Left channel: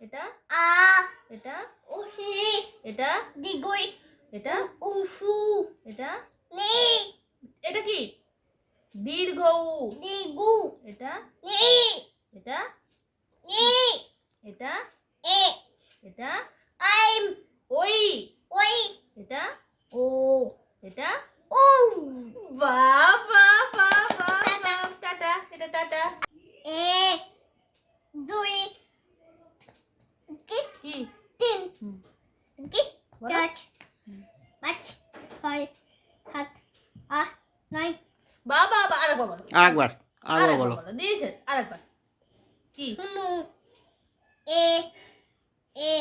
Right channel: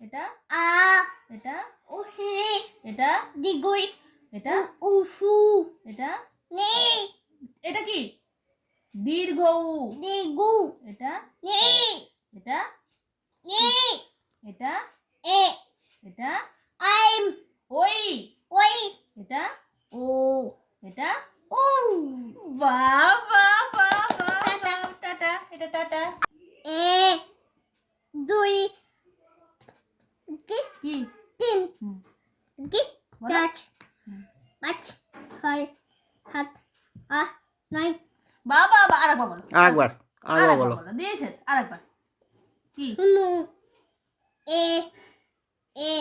এটা আ এটা উসি এটা দিগুই এটা উসু এটা নি এটা কি দীর্ঘ উ দিগু এটা নি এটা নি এটা এ এটা আইম ওই ওই এটা ও এটা ও বাহ বাহ বাহ বাহ টাটা। বাহ। টাটা এটা টাটা এ দুই কি কি তিন হুম, কি বলো। চার পাঁচ ছয় সাত আট নয় বাবা বাবা আরেকবার বলো আরেকবার বলো। বলো দিয়ে শেষ আরেকবার কি হুনু এ এ